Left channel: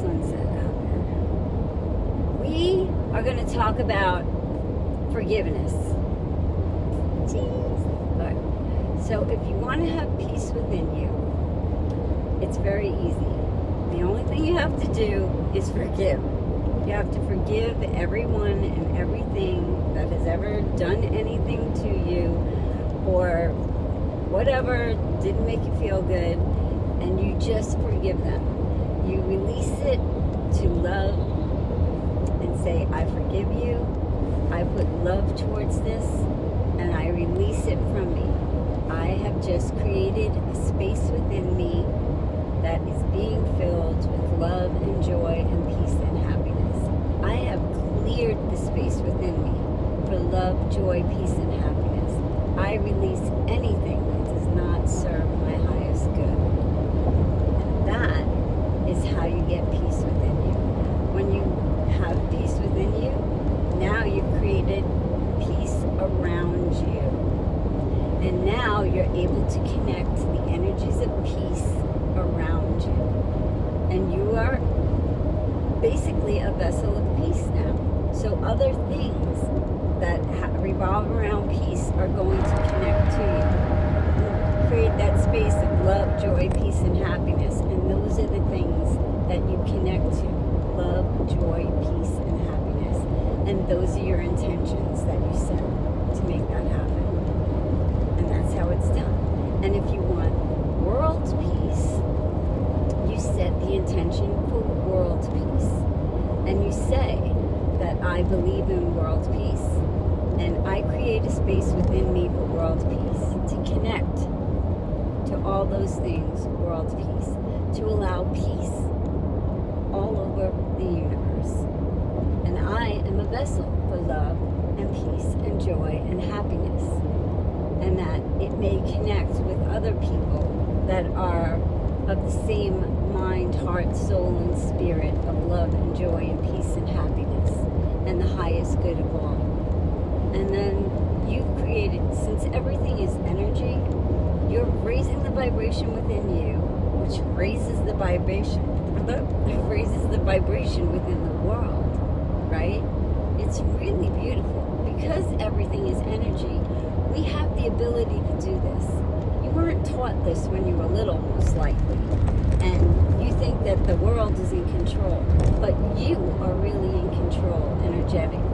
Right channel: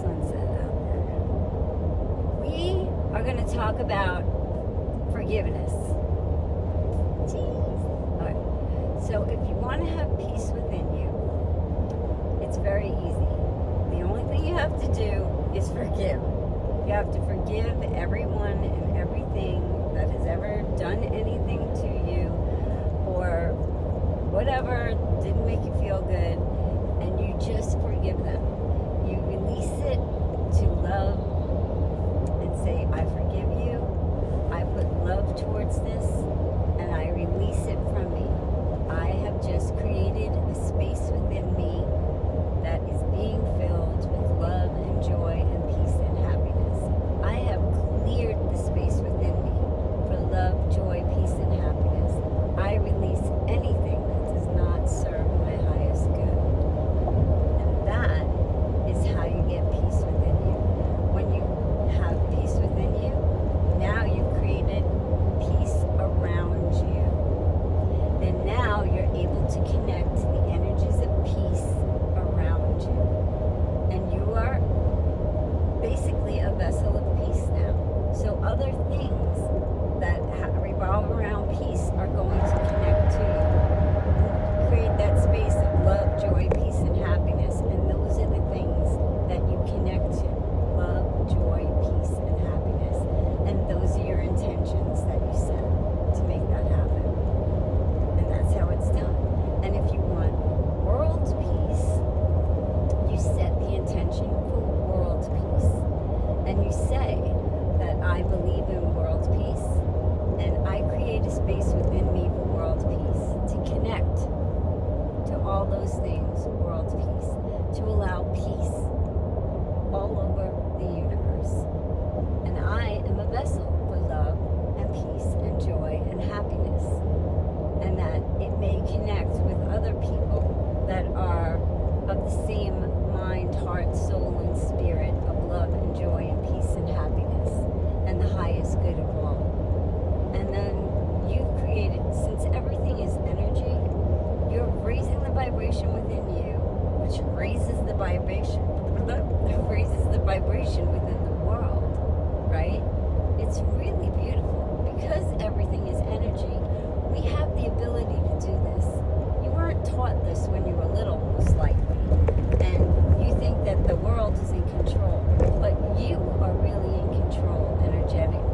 sunset out there. We are going to talk about forgiveness. Jeez. All right. So if you want to have peace within you, it's very easy. The only thing you have to do is forgive. You have to forgive everyone and everything that has ever done anything to you or whatever didn't make you feel good, and you just forgive them. You release it to love and say, I forgive you. I put love towards this, and I release it from me. I have just created a space within me that is being filled with love and joy and peace and happiness. I have cleared the space within me for love, joy, peace, and happiness. I release anything that does not serve my highest good. And that is how you get peace within you. When you have peace within you, now you've created peace around you. And now you're able to connect to the energies of peace around you. And you are basically a vessel of peace now. So other things that revolve around peace are going to connect to you. Create that space of love, joy, peace, and happiness. And those are the things that you connect to. Love, joy, peace, and happiness. And those are your intentions that you set to make that happen. And that's how it's done. And if you want world peace, you set the intention for world peace. And you say that I believe in world peace. And I create a space within me for world peace, to connect to all those things, world peace, to allow peace all over the universe. And I am a vessel for love and peace and joy and happiness. And that it may connect with other people that are of the same mind, heart, soul, and spirit of love and joy and peace and happiness and the highest good of all. And then you've created, since everything is energy, you're raising the vibration within you, which raises the vibration within the world, right? It's really beautiful. Because everything is energy, we have the ability to do this. You weren't taught this when you were little, most likely. And you think that the world is in control, but you are really in control energetically.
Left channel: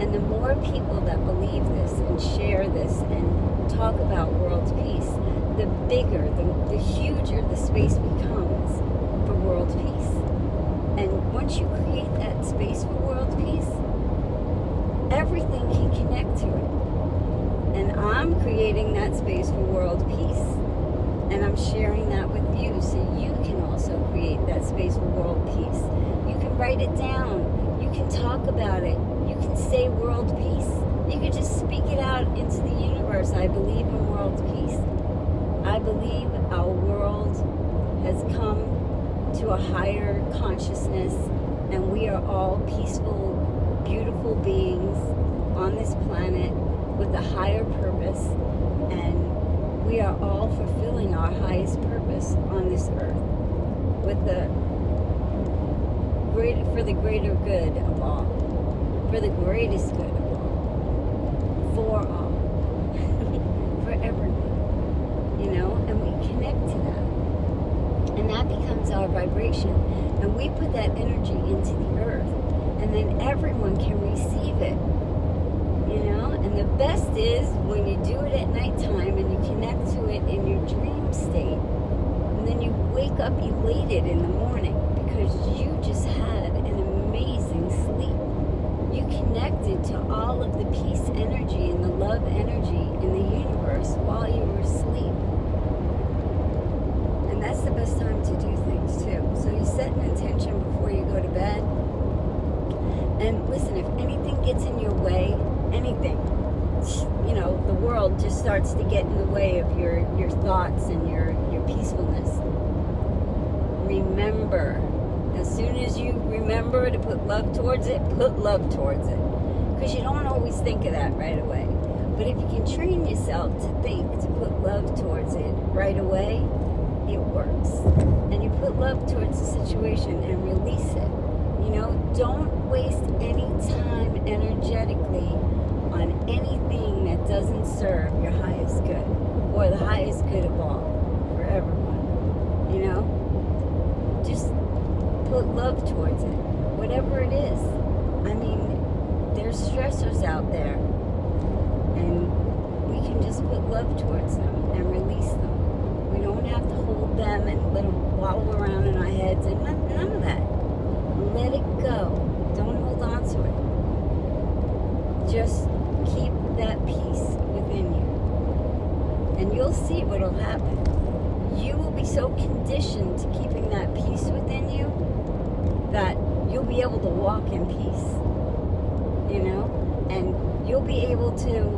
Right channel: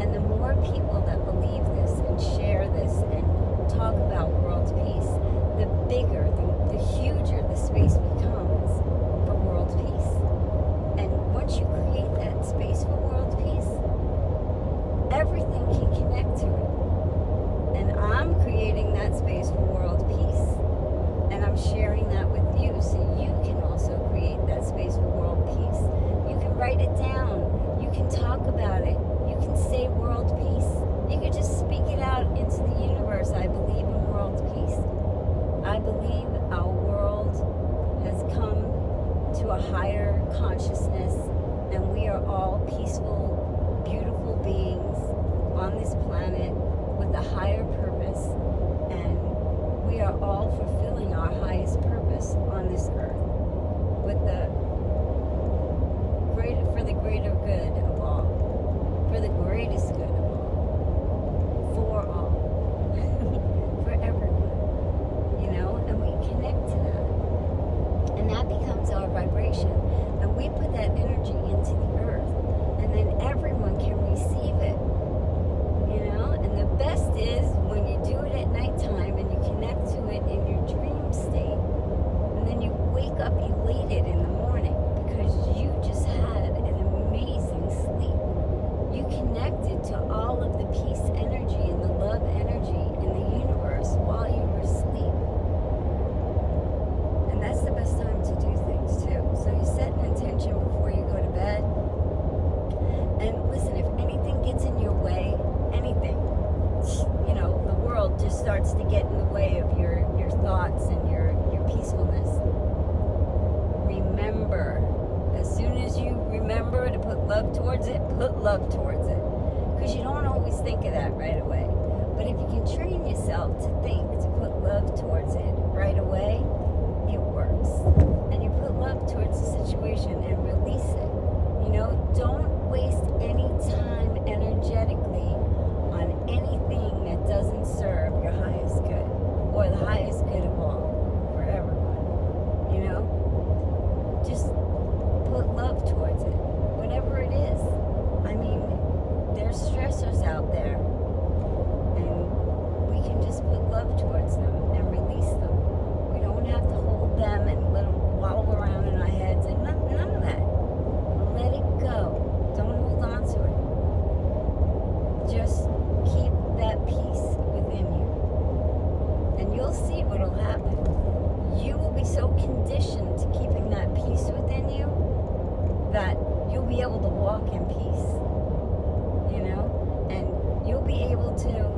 And the more people that believe this and share this and talk about world peace, the bigger, the huger the space becomes for world peace. And once you create that space for world peace, everything can connect to it. And I'm creating that space for world peace. And I'm sharing that with you so you can also create that space for world peace. You can write it down. You can talk about it. You can say world peace. You can just speak it out into the universe. I believe in world peace. I believe our world has come to a higher consciousness and we are all peaceful, beautiful beings on this planet with a higher purpose, and we are all fulfilling our highest purpose on this earth with for the greater good of all, for the greatest good of all, for all, for everyone, you know, and we connect to that, and that becomes our vibration, and we put that energy into the earth, and then everyone can receive it. You know, and the best is when you do it at nighttime and you connect to it in your dream state. And then you wake up elated in the morning because you just had an amazing sleep. You connected to all of the peace energy and the love energy in the universe while you were asleep. And that's the best time to do things too. So you set an intention before you go to bed. And listen, if anything gets in your way, anything, you know, the world just starts to get in the way of your thoughts and your peacefulness. Remember, as soon as you remember to put love towards it, put love towards it. Because you don't always think of that right away. But if you can train yourself to think, to put love towards it right away, it works. And you put love towards the situation and release it. You know, don't waste any time energetically on anything that doesn't serve your highest good, or the highest good of all, for everyone. You know, just put love towards it, whatever it is. I mean, there's stressors out there, and we can just put love towards them and release them. We don't have to hold them and let them wallow around in our heads, and none of that. Let it go. Don't hold on to it. Just keep that peace within you, and you'll see what'll happen. You will be so conditioned to keeping that peace within you that you'll be able to walk in peace, you know, and you'll be able to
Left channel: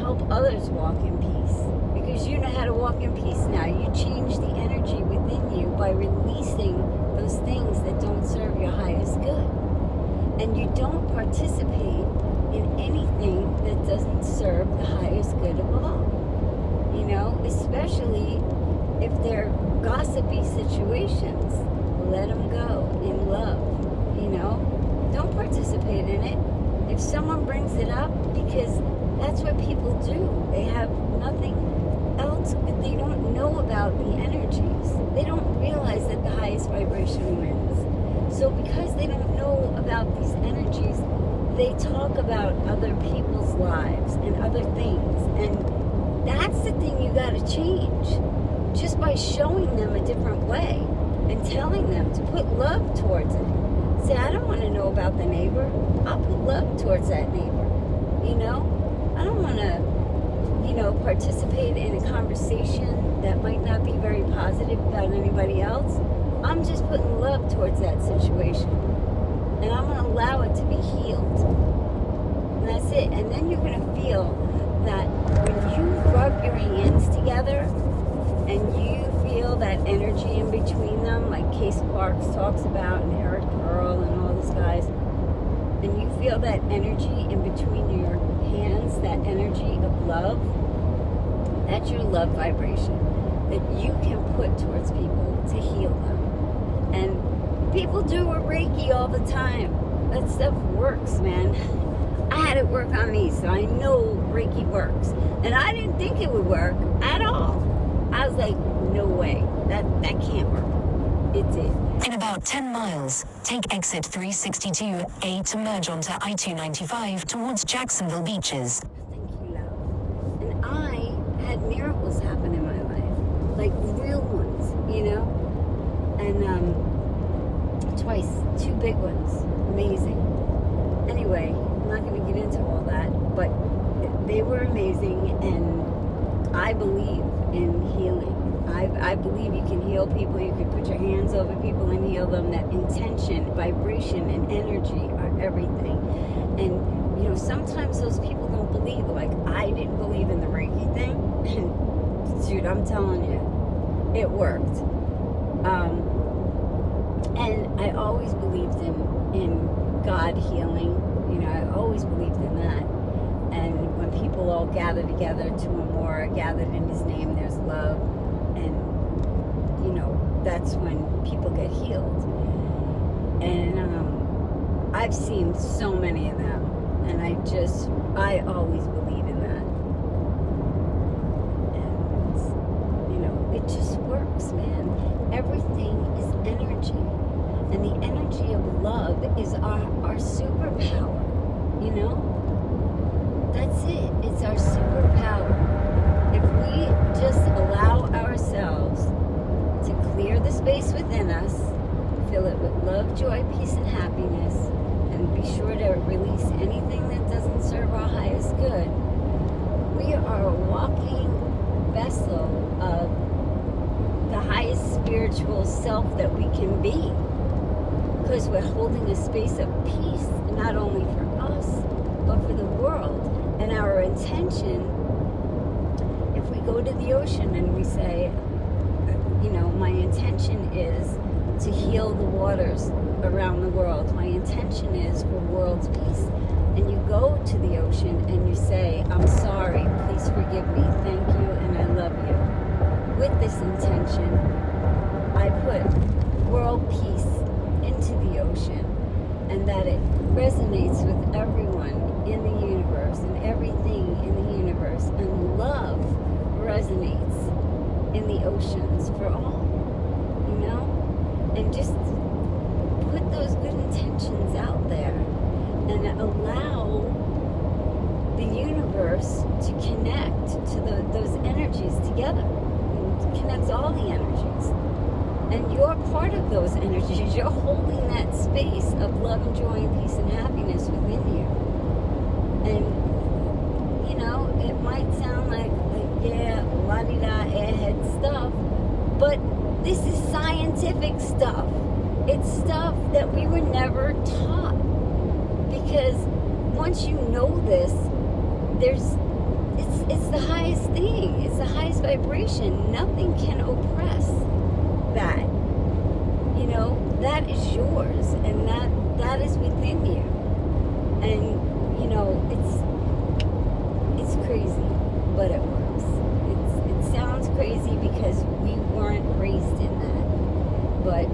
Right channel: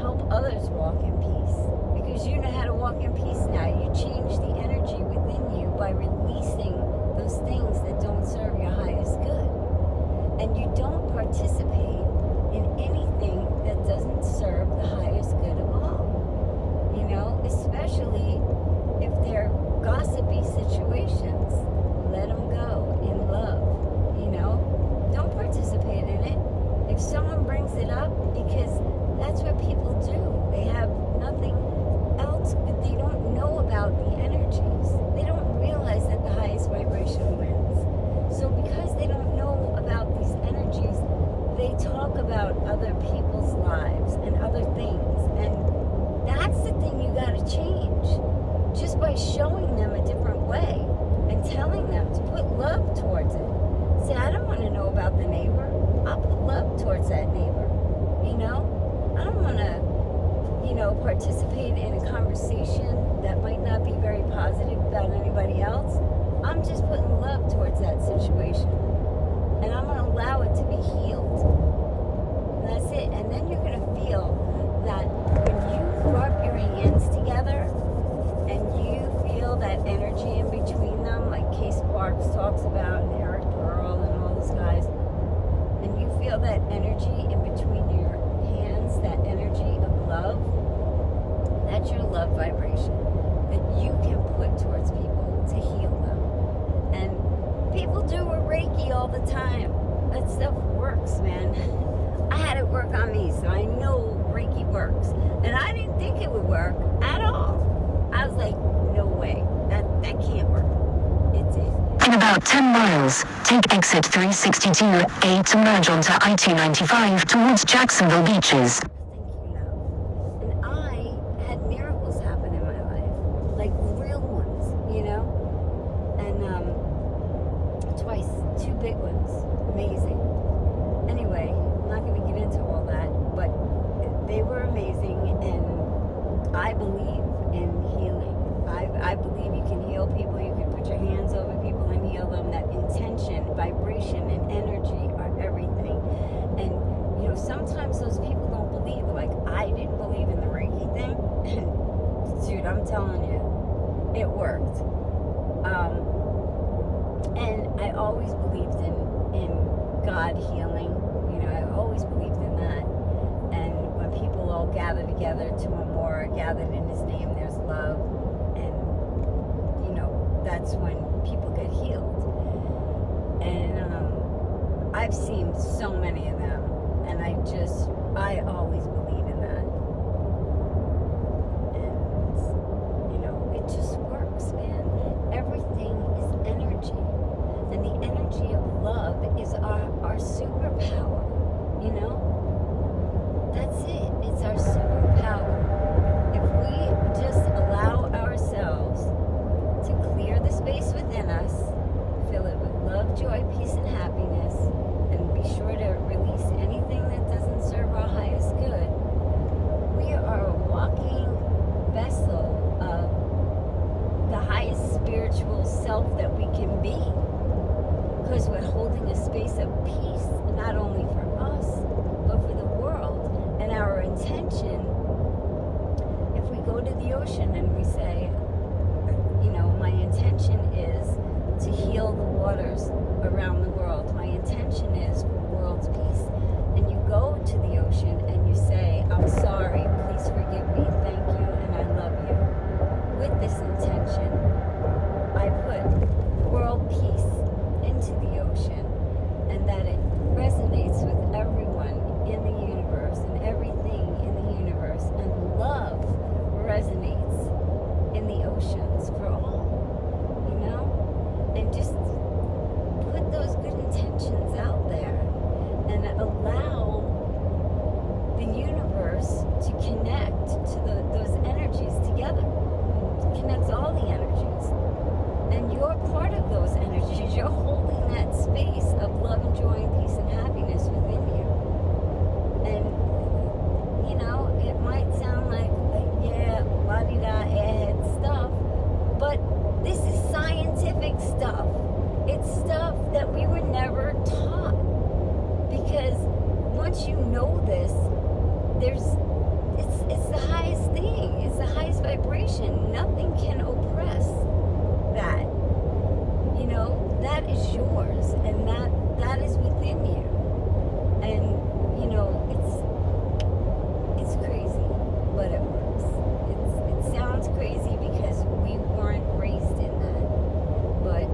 help others walk in peace because you know how to walk in peace now. You change the energy within you by releasing those things that don't serve your highest good, and you don't participate in anything that doesn't serve the highest good of all, you know, especially if they're gossipy situations. Let them go in love, you know. Don't participate in it. If someone brings it up, because that's what people do. They have nothing else. They don't know about the energies. They don't realize that the highest vibration wins. So because they don't know about these energies, they talk about other people's lives and other things. And that's the thing you got to change. Just by showing them a different way and telling them to put love towards it. Say, I don't want to know about the neighbor. I'll put love towards that neighbor. You know, I don't want to, you know, participate in a conversation that might not be very positive about anybody else. I'm just putting love towards that situation. And I'm going to allow it to be healed. And that's it. And then you're going to feel that when you rub your hands together and you feel that energy in between them, like Case Sparks talks about, and Eric Pearl and all those guys, and you feel that energy in between your hands, that energy of love, that's your love vibration that you can put towards people to heal them. And people do a Reiki all the time. That stuff works, man. I had it work on me, so I know Reiki works. And I didn't think it would work at all. I was like, no way. That can't work. It did. In about 10 miles, take exit 362A to merge onto I-295 towards Jacksonville Beaches. Thank you, love. And I had miracles happen in my life. Like real ones, you know? And twice, 2 big ones. Amazing. Anyway, I'm not going to get into all that, but they were amazing, and I believe in healing. I believe you can heal people. You can put your hands over people and heal them. That intention, vibration, and energy are everything. And, you know, sometimes those people don't believe. Like, I didn't believe in the Reiki thing. And, dude, I'm telling you, it worked. And I always believed in God healing. You know, I always believed in that. And when people all gather together, 2 or more are gathered in His name, there's love. And, you know, that's when people get healed. And I've seen so many of them. And I always believe in that. And, you know, it just works, man. Everything is energy. And the energy of love is our superpower, you know? That's it. It's our superpower. If we just allow ourselves to clear the space within us, fill it with love, joy, peace, and happiness, and be sure to release anything that doesn't serve our highest good, we are a walking vessel of the highest spiritual self that we can be. Because we're holding a space of peace, not only for us, but for the world. And our intention, if we go to the ocean and we say, you know, my intention is to heal the waters around the world. My intention is for world peace. And you go to the ocean and you say, I'm sorry, please forgive me, thank you, and I love you. with this intention, I put world peace into the ocean, and that it resonates with everyone in the universe and everything in the universe, and love resonates in the oceans for all, you know? And just put those good intentions out there and allow the universe to connect to those energies together. It connects all the energies. And you're part of those energies. You're holding that space of love and joy and peace and happiness within you. And, you know, it might sound like, yeah, la-di-da, airhead stuff, but this is scientific stuff. It's stuff that we were never taught. Because once you know this, it's the highest thing. It's the highest vibration. Nothing can oppress that. You know, that is yours, and that is within you. And you know, it's crazy, but it works. It sounds crazy because we weren't raised in that. But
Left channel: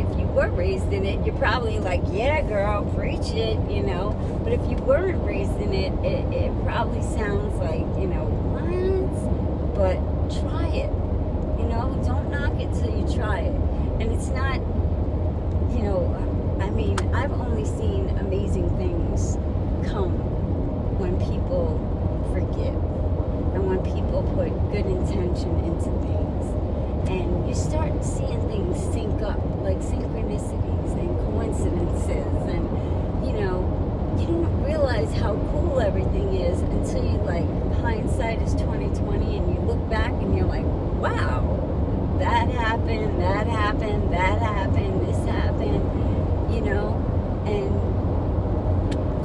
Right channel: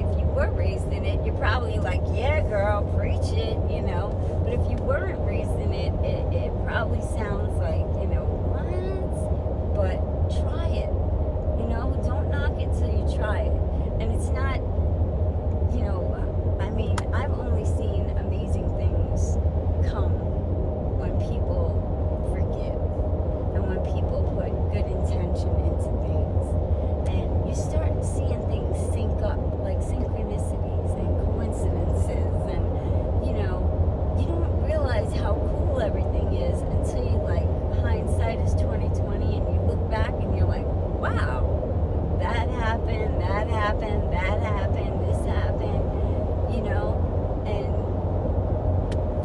if you were raised in it, you're probably like, yeah, girl, preach it, you know. But if you weren't raised in it, it probably sounds like, you know, what? But try it. You know, don't knock it till you try it. And it's not, you know, I mean, I've only seen amazing things come when people forgive and when people put good intention into things. And you start seeing things sync up, like synchronicities and coincidences. And, you know, you don't realize how cool everything is until you, like, hindsight is 20/20, and you look back and you're like, wow, that happened, that happened, that happened, this happened, you know, and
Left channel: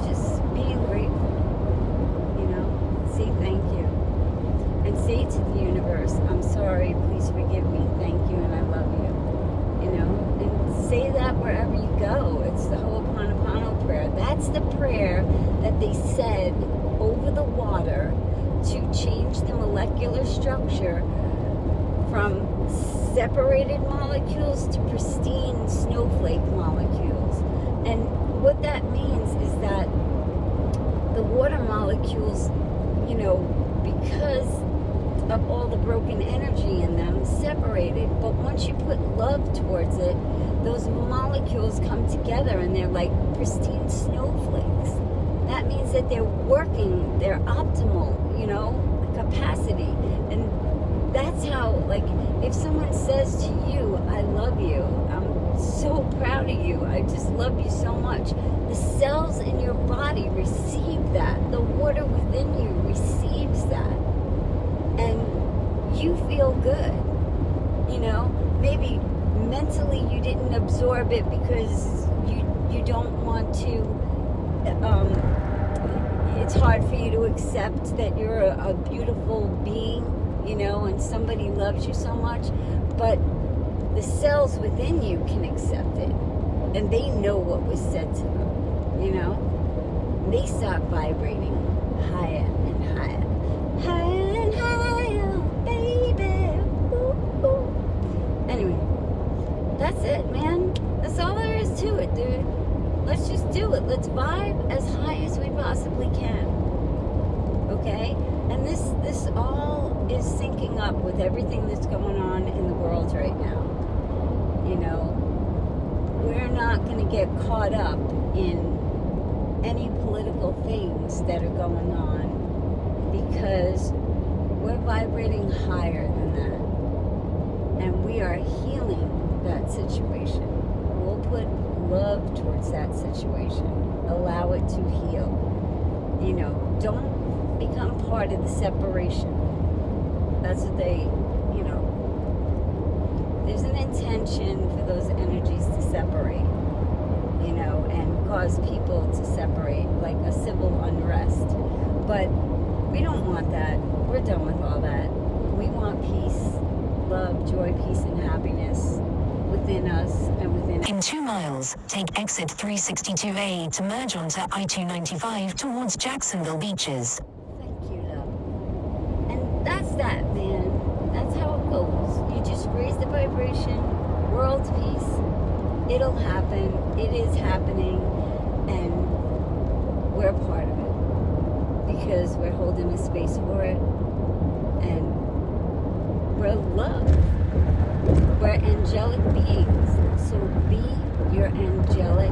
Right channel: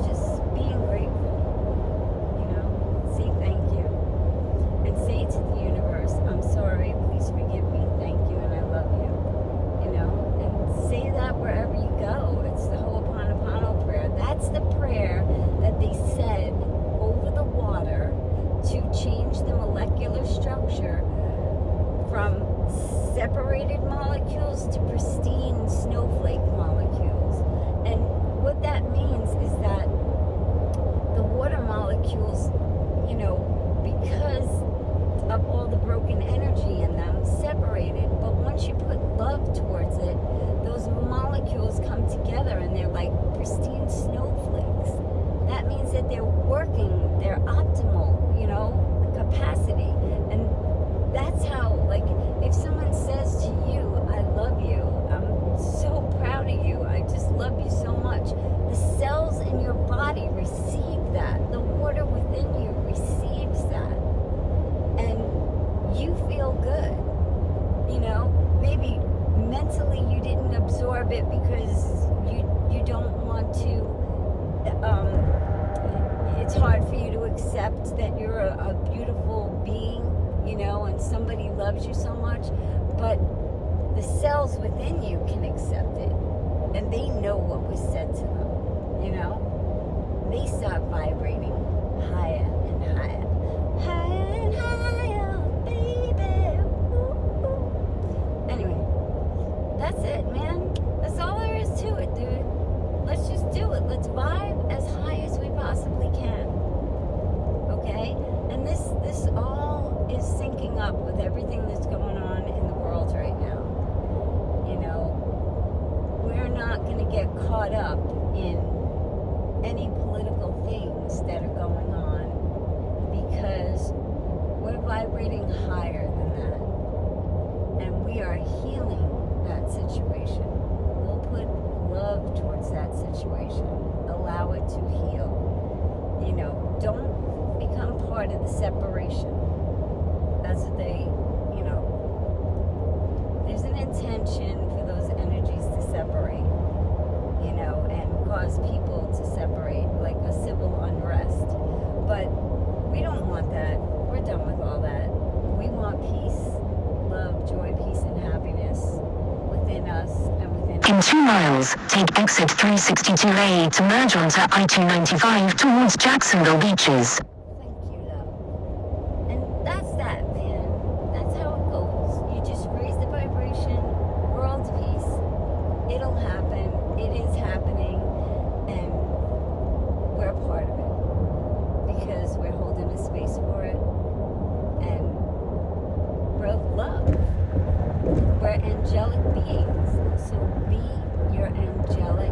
just being grateful, you know, say thank you, and say to the universe, I'm sorry, please forgive me, thank you, and I love you, you know, and say that wherever you go. It's the Ho'oponopono prayer. That's the prayer that they said over the water to change the molecular structure from separated molecules to pristine snowflake molecules. And what that means is that the water molecules, you know, because of all the broken energy in them, separated. But once you put love towards it, those molecules come together and they're like pristine snowflakes. That means that they're working, they're optimal, you know, capacity. And that's how, like, if someone says to you, I love you, I'm so proud of you, I just love you so much, the cells in your body receive that. The water within you receives that. And you feel good. You know, maybe mentally you didn't absorb it because you don't want to, it's hard for you to accept that you're a beautiful being, you know, and somebody loves you so much, but the cells within you can accept it, and they know what was said to them, you know. They start vibrating higher and higher, higher and higher, baby. Ooh, ooh. Anyway, that's it, man. That's all there is to it, dude. Let's just do it. Let's vibe as high as we possibly can. Okay? And this all is syncing up with everything that's going on in the world right now. You know, we're not going to get caught up in any political things that are going on because we're vibrating higher than that. And we are healing that situation. We'll put love towards that situation. Allow it to heal. You know, don't become part of the separation. That's what they, you know, there's an intention for those energies to separate, you know, and cause people to separate, like a civil unrest. But we don't want that. We're done with all that. We want peace, love, joy, peace, and happiness within us and within. In 2 miles, take exit 362A to merge onto I-295 towards Jacksonville Beaches. Thank you, love. And that's that, man. That's how it goes. raise the vibration, world peace. It'll happen. It is happening, and we're a part of it because we're holding a space for it, and we're love. We're angelic beings. So be your angelic